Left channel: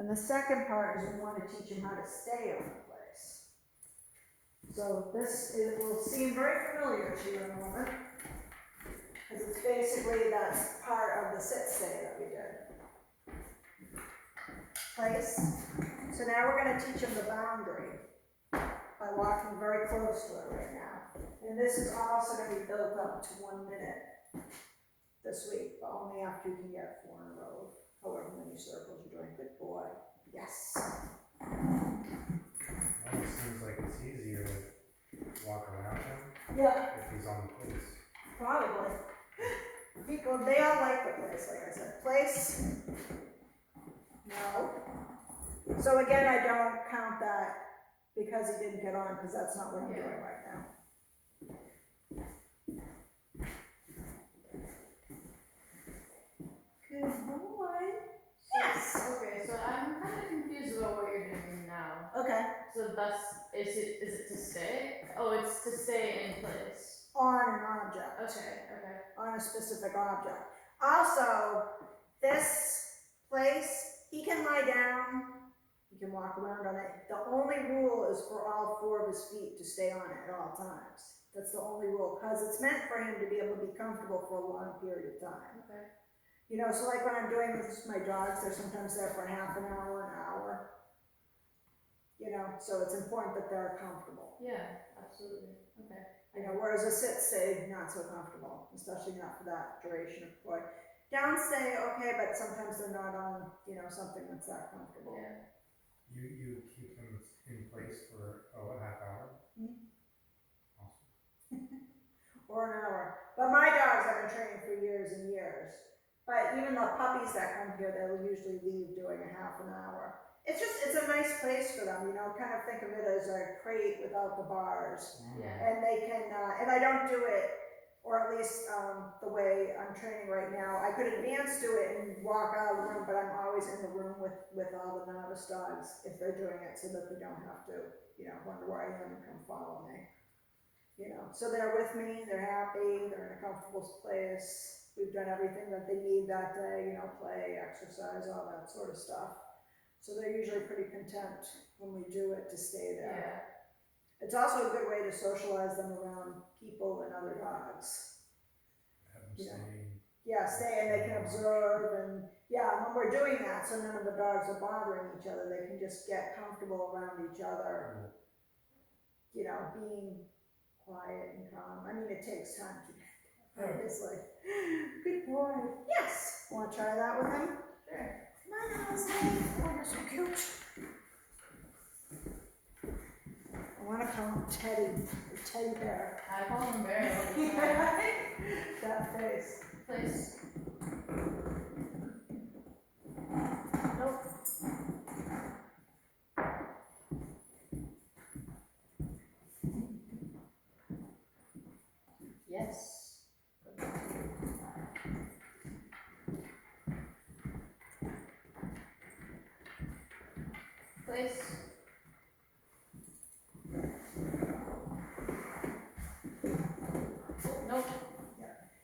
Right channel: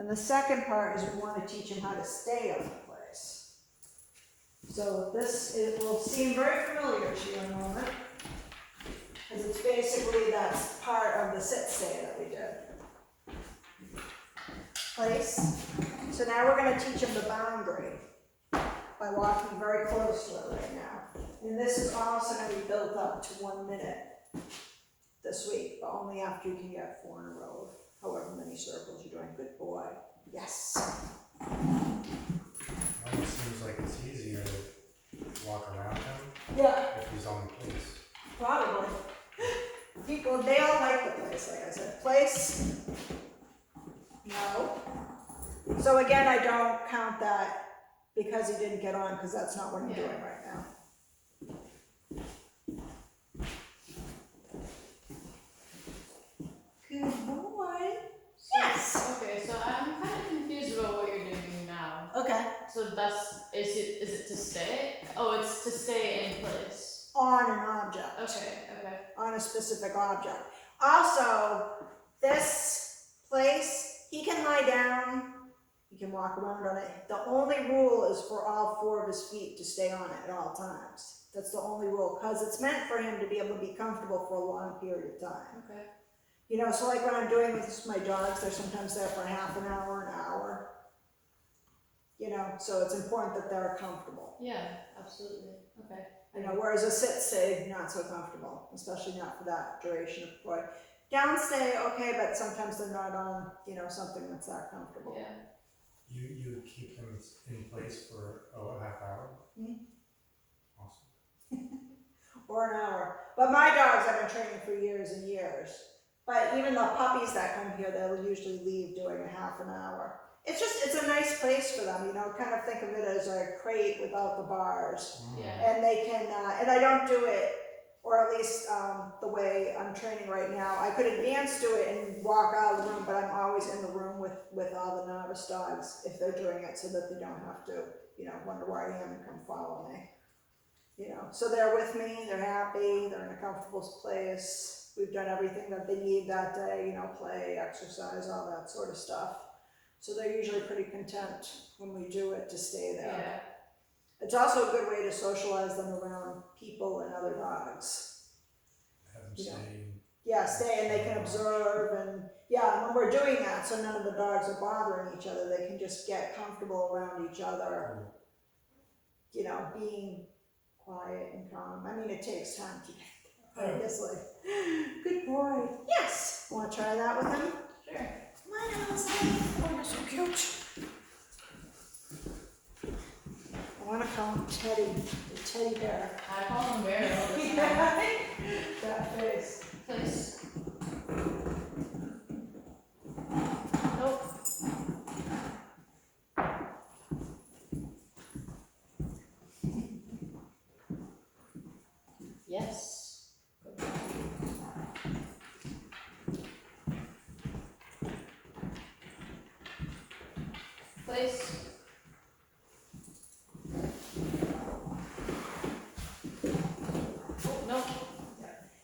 And the second part is we want to teach him how to stay on the place. So this, it will seem very familiar to you in a moment, because it's basically, that's part of the sit-stay that we did. Place. So now we're going to teach him the boundary by walking very close to it right now. And this is also going to be built up to 1 minute this week, but only after you can get 4 in a row, however many circles you're doing. Good boy. Yes. Well, it seems like it's easier to walk around him Yeah, if he's on the place. probably. People, they all like the place, like I said. Place? No. So again, I don't count that because he didn't get on, because that's not what I'm doing right now. Good boy. Yes. Okay, so I'm kind of confused about what you're doing now. Okay. So is it to stay? Oh, it's to stay in place. On an object. Okay. On a specific object. Also, this place, he can lie down, he can walk around on it. The only rule is for all 4 of his feet to stay on it at all times. That's the only rule, because it's meant for him to be able to be comfortable for a long period of time. Okay. You know, so like when I'm doing this with my dogs, they're sometimes there for half an hour, an hour. You know, so it's important that they're comfortable. Yeah, absolutely. Okay. You know, whereas a sit-stay, not so comfortable, especially not for that duration of boy. Down-stay, okay, but sometimes they're not on, you know, something that's that comfortable. Yeah. You keep him in place for a half hour? Mhm. Awesome. Or an hour. But my dogs I've been training for years and years. But even the puppies that come here, they'll usually leave doing a half an hour. It's a nice place for them, you know, kind of think of it as a crate without the bars. Yeah. And they can, and I don't do it, or at least the way I'm training right now. I could advance to it and walk out of the room, but I'm always in the room with all the novice dogs if they're doing it, so that they don't have to, you know, wonder where I am and come follow me. You know, so they're with me, they're happy, they're in a comfortable place. We've done everything that they need that day, you know, play, exercise, all that sort of stuff. So they're usually pretty content when we do it to stay there. Yeah. It's also a good way to socialize them around people and other dogs. Have him You know. stay. Yeah, stay and they can observe, and yeah, when we're doing that, so none of the dogs are bothering each other, they can just get comfortable around each other, Cool. you know, being quiet and calm. I mean, it takes time to get there, obviously. Good boy. Yes. Want to try that with him? Sure. Come on, Owsley. Oh, you're so cute. I want to call him Teddy, the teddy bear. I call him Bear all the time. Yeah. That face. Place. Nope. Yes. Place. Nope.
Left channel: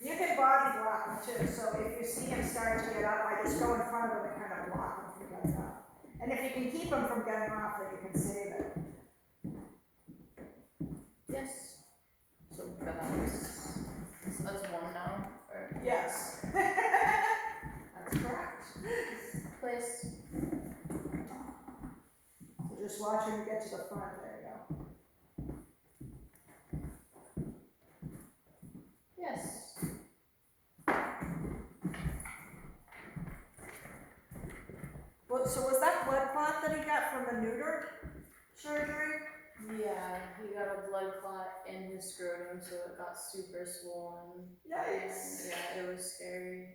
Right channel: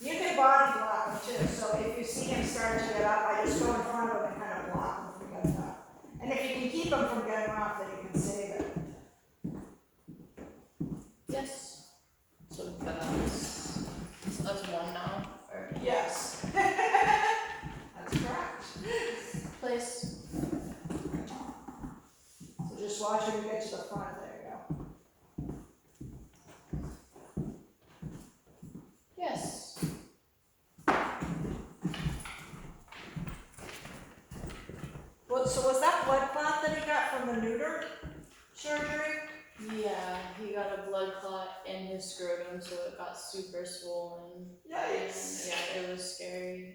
You can body block him too, so if you see him start to get up, I just go in front of him and kind of block him from getting up. And if you can keep him from getting off, then you can save it. Yes. So that's 1 now. Or Yes. That's correct. place. So just watch him get to the front, there you go. Yes. Well, so was that blood clot that he got from the neuter surgery? Yeah, he got a blood clot in his scrotum, so it got super swollen. Yikes. And yeah, it was scary.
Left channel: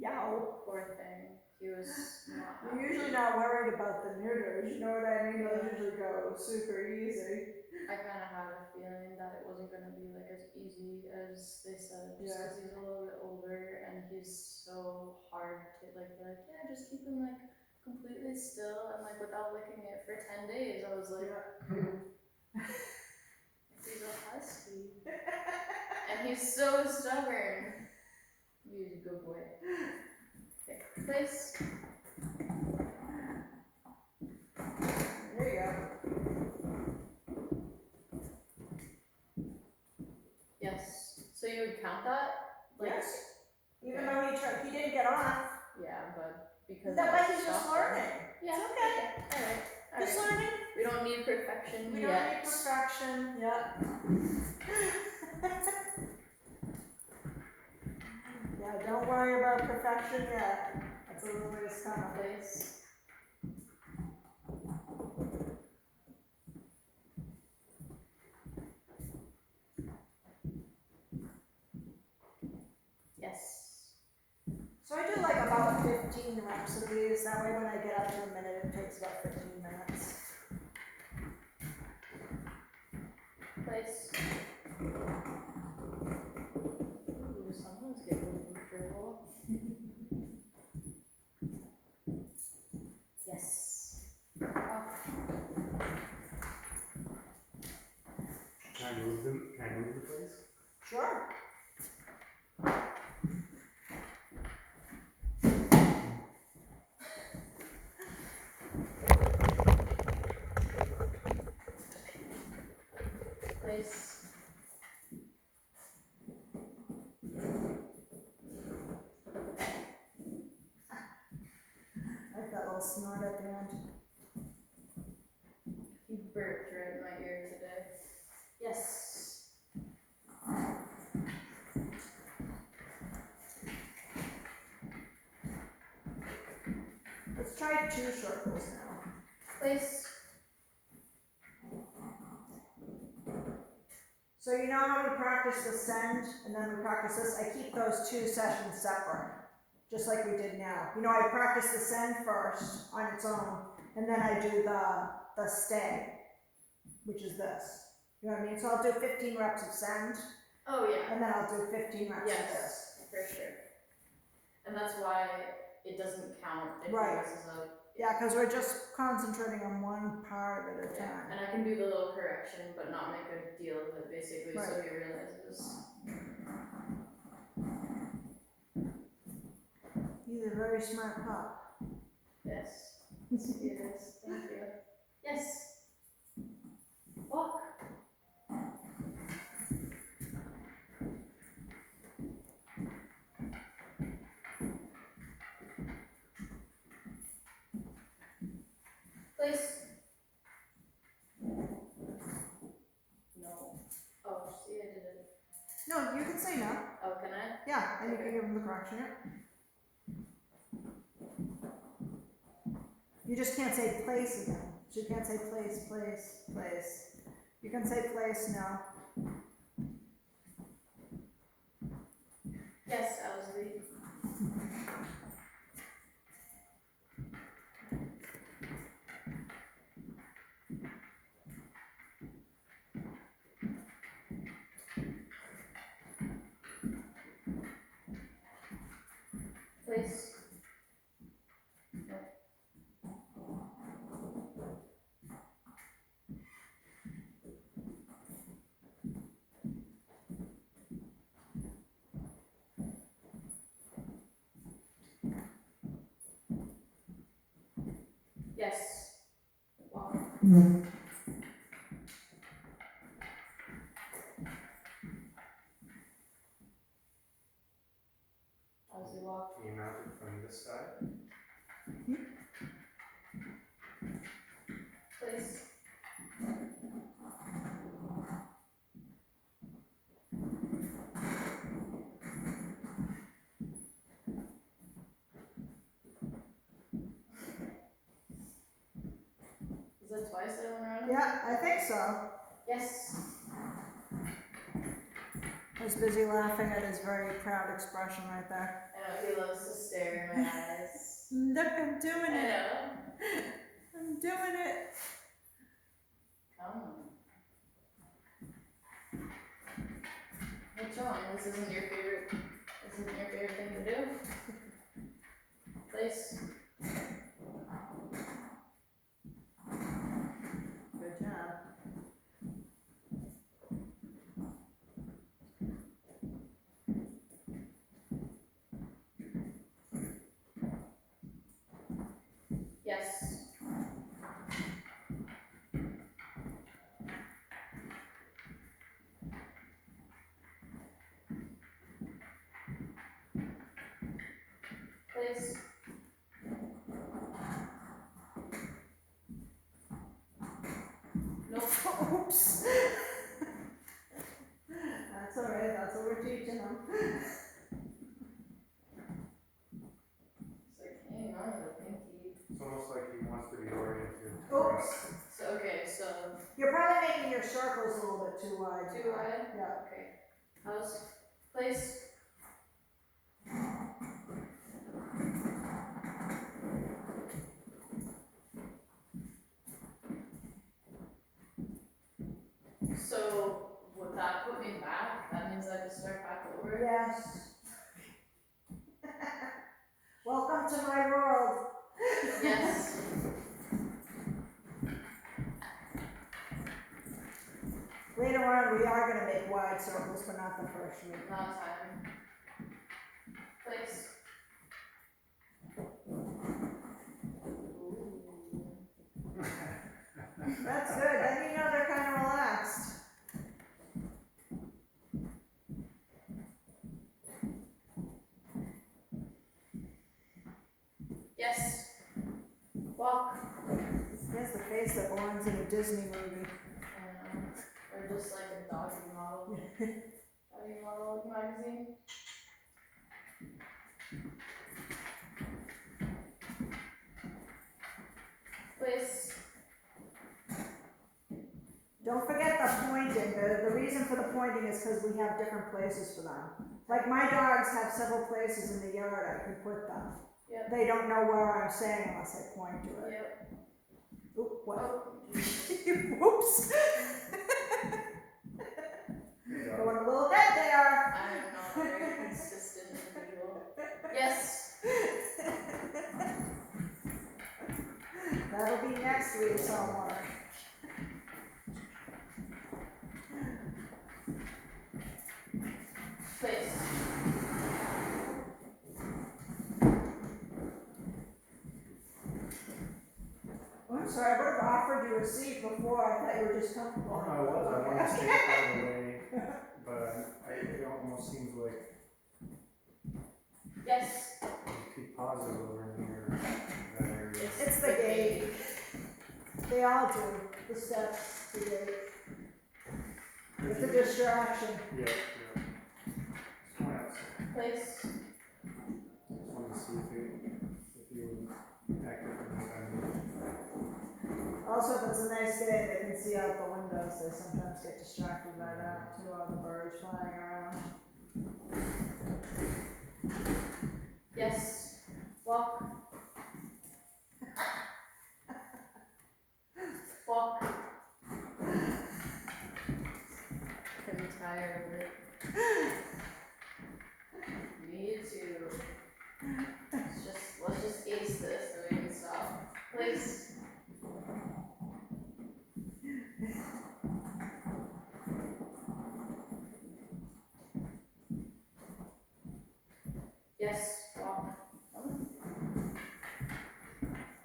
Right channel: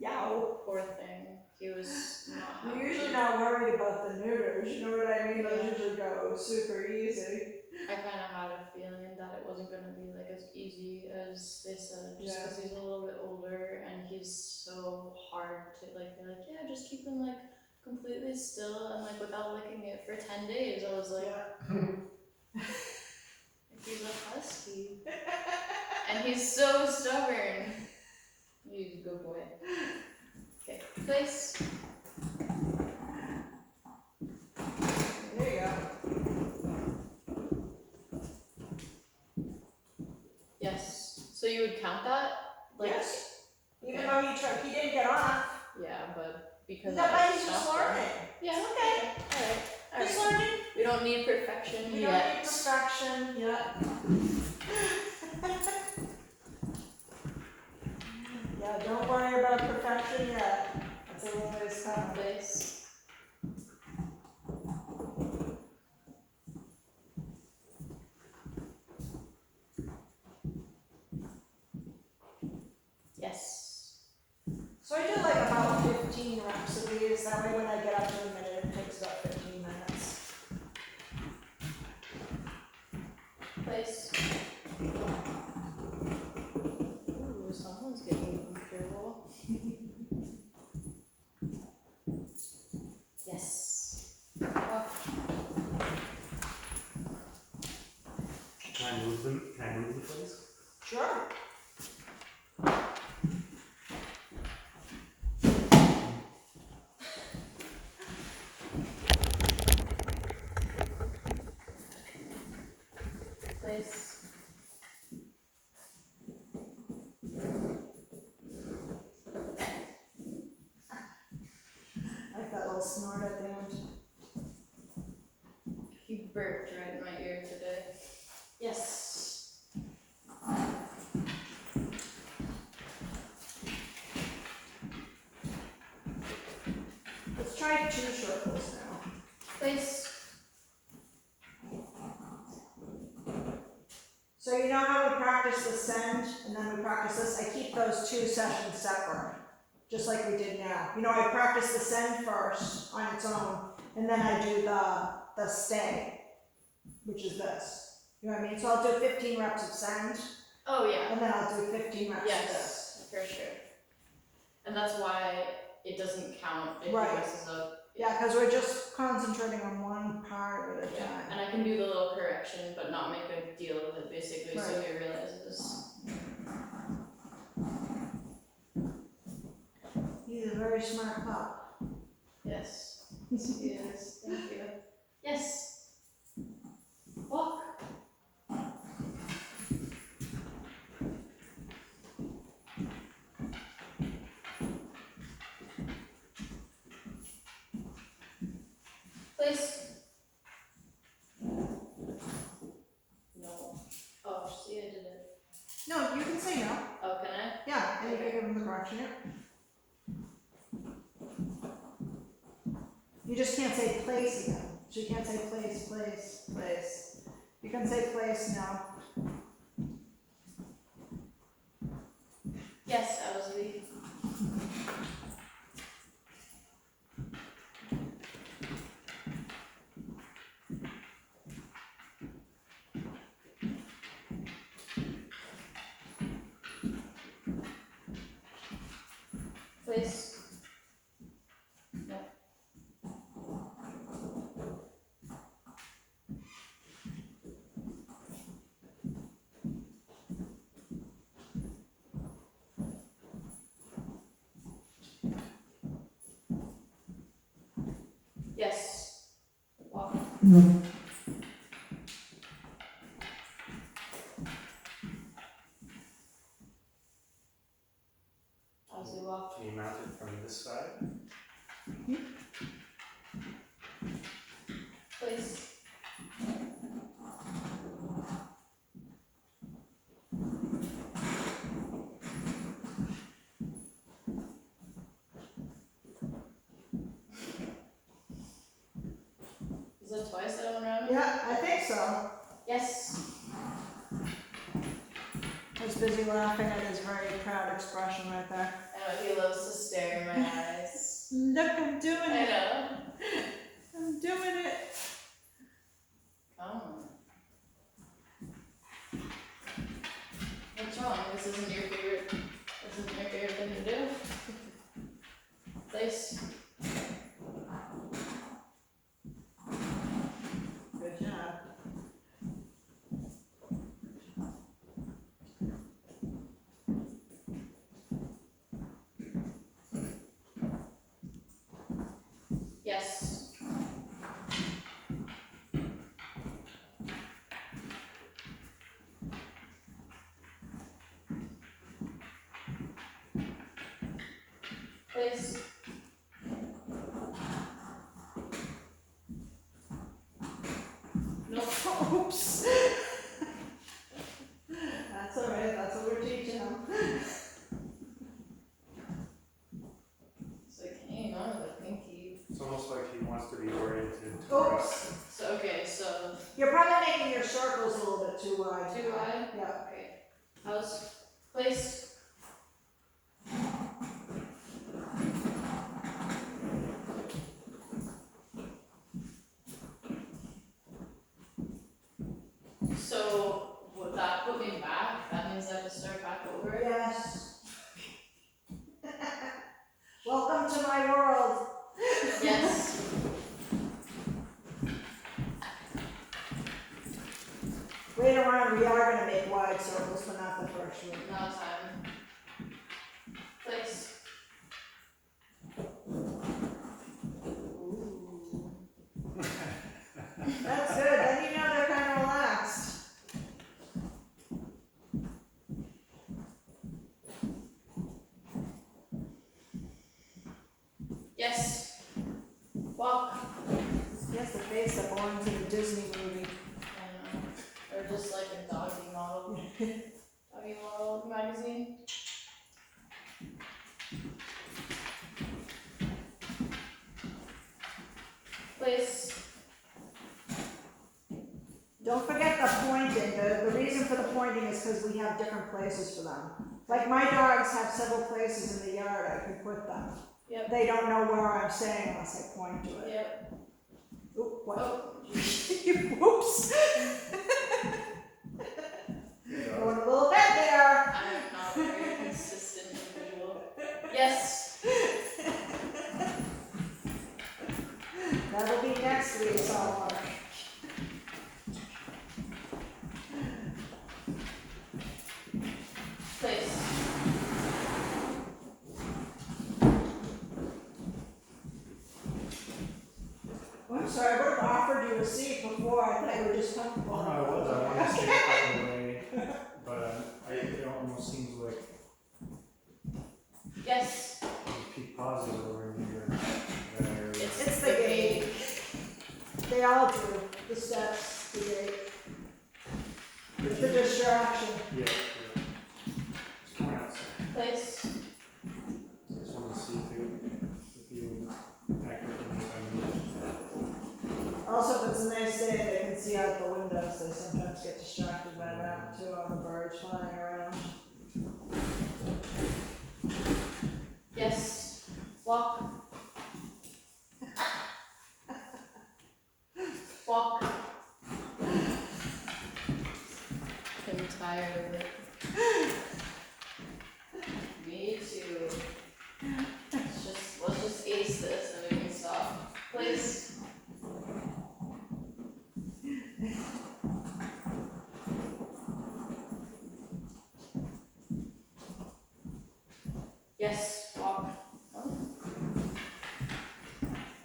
Yow. Poor thing. He was not I'm happy. usually not worried about the neuters, you know what I mean? Those usually go super easy. I kind of had a feeling that it wasn't going to be like as easy as they said, just because he's a little bit older and he's so hard to like. They're like, yeah, just keep him like completely still and like without licking it for 10 days. I was like, he's a husky, and he's so stubborn. He's a good boy. Okay, place. So you would count that? Like, Yes. Even okay. though he didn't get off. Yeah, but because That I way he's just stopped him. learning. Yeah, It's okay. Alright. He's learning. We don't need perfection We yet. don't need perfection yet. Yeah, don't worry about perfection yet. That's a little ways coming. Place. Yes. So I do like about 15 reps of these, that way when I get up to a minute, it takes about 15 minutes. Place. Ooh, someone's getting comfortable. Yes. Oh, Can I move them? Can I move the place? Sure. place. I like that little snort at the end. He burped right in my ear today. Yes. Let's try 2 circles now. Place. So you know how we practice the send and then we practice this? I keep those 2 sessions separate, just like we did now. You know, I practice the send first on its own, and then I do the stay, which is this. You know what I mean? So I'll do 15 reps of send, Oh yeah. and then I'll do 15 reps of this. Yes, for sure. And that's why it doesn't count if Right. he messes up. Yeah, because we're just concentrating on one part at a Yeah. time. And I can do the little correction, but not make a deal of it, basically, so Right. he realizes. He's a very smart pup. Yes. Yes, he is. Thank you. Yes. Walk. Place. No. Oh, see, I did it. No, you can say no. Oh, can I? Yeah, and you can give him the correction here. You just can't say place again. So you can't say place, place, place. You can say place now. Yes, Owsley. Place. No. Yes. Walk. Owsley walk. Can you mount it from this side? Place. Is that twice that I went around him? Yeah, I think so. Yes. I was busy laughing at his very proud expression right there. I know, he loves to stare in my eyes. Look, I'm doing I it. know. I'm doing it. Come on. What's wrong? This isn't your favorite. This isn't your favorite thing to do. Place. Good job. Yes. Place. Nope. Oops. That's alright, that's what we're teaching them. So I can't even on with a pinky. It's almost like he wants to be oriented. Oops. So okay, so You're probably making your circles a little bit too wide. too wide. Yeah. Okay. House. Place. So would that put me back? That means I have to start back over? Yes. Welcome to my world. Yes. Later on, we are gonna make wide circles, but not the first one. Now time. Place. Ooh. That's good, then you know they're kinda relaxed. Yes. Walk. Yes, the face that belongs in a Disney movie. Or just like a doggy model. Doggy model magazine. Place. Don't forget the pointing, the reason for the pointing is because we have different places for them. Like my dogs have several places in the yard I can put them. Yep. They don't know where I'm saying unless I point to it. Yep. Oop, what? Oh. Whoops. Going a little bit there. I'm not a very consistent individual. Yes. That'll be next week's homework. Place. I'm sorry, I would have offered you a seat before, I thought you were just comfortable. Oh, no, I was. I want to stay out of the way, but it almost seems like Yes. there's peak pauses over here. That area. It's the gate. They all do, the steps, the gate. It's a distraction. Yeah, yeah. Just come outside. Place. Just want to see if you accurately Also, if it's a nice day, they can see out the windows, they sometimes get distracted by that too, all the birds flying around. Yes. Walk. Walk. I'm tired of it. Me too. Let's just ace this and we can stop. Please. Yes, walk. I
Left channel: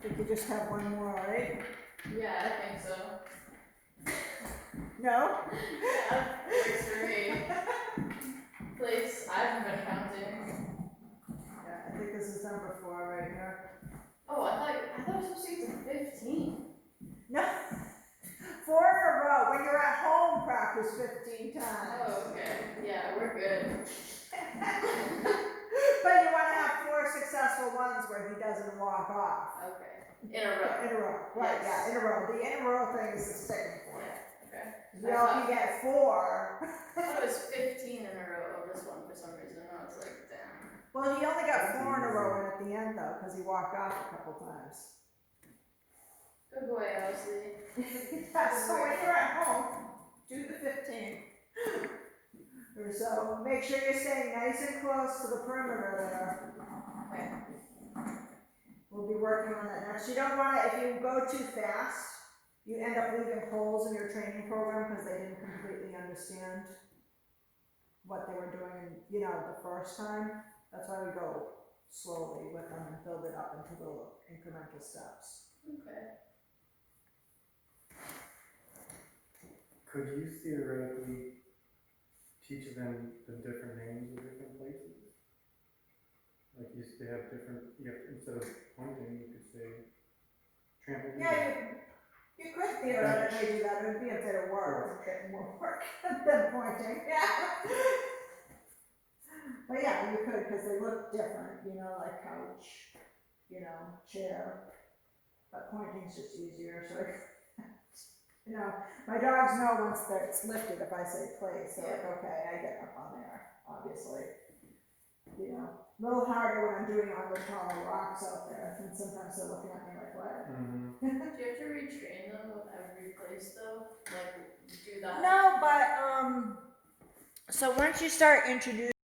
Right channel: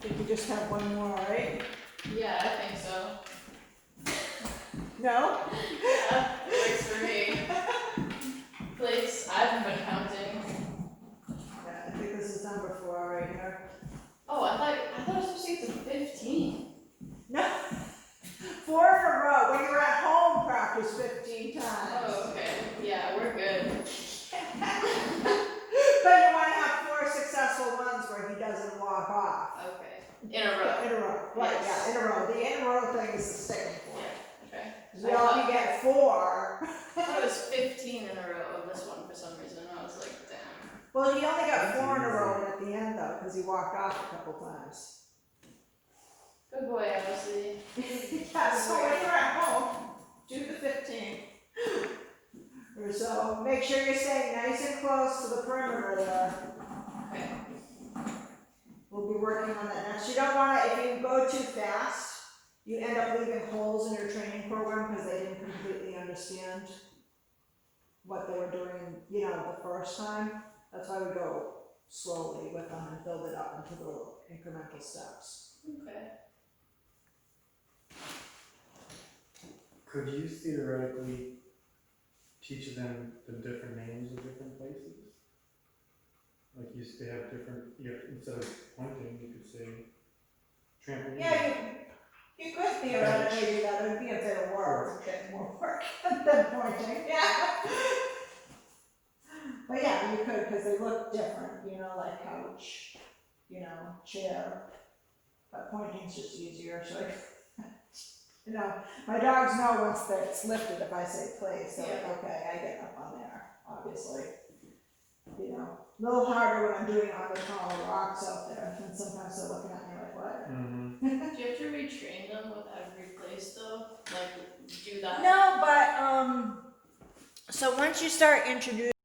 think you just have one more, right? Yeah, I think so. No? Yeah, it works for me. Place. I haven't been counting. Yeah, I think this is number 4 right here. Oh, I thought it was supposed to get to 15. No, 4 in a row, when you're at home, practice 15 times. Oh, okay. Yeah, we're good. But you wanna have 4 successful ones where he doesn't walk off. Okay. In a row. In a row, right, Yes. yeah, in a row, the in a row thing is the sticking point. Yeah, okay. 'Cause we all can get 4. I thought it was 15 in a row of this one for some reason. I was like, damn. Well, he only got 4 in a row in at the end though, cause he walked off a couple times. Good boy, Owsley. Yeah, so when you're at home, do the 15. Or so, make sure you're staying nice and close to the perimeter there. Okay. We'll be working on that next. You don't wanna, if you go too fast, you end up leaving holes in your training program because they didn't completely understand what they were doing, the first time. That's why we go slowly with them and build it up into little incremental steps. Okay. Could you theoretically teach them the different names of different places? Like they have different, instead of pointing, you could say trampoline. Yeah, you could theoretically do that, it would be a bit of work, a bit more work than pointing, yeah. But yeah, you could, cause they look different, like couch, chair. But pointing's just easier, so my dogs know once it's lifted if I say place, they're like, okay, I get up on there, obviously. A little harder when I'm doing it on the taller rocks out there, and sometimes they're looking at me like, what? Do you have to retrain them with every place though? Like, do that? No, but, so once you start introducing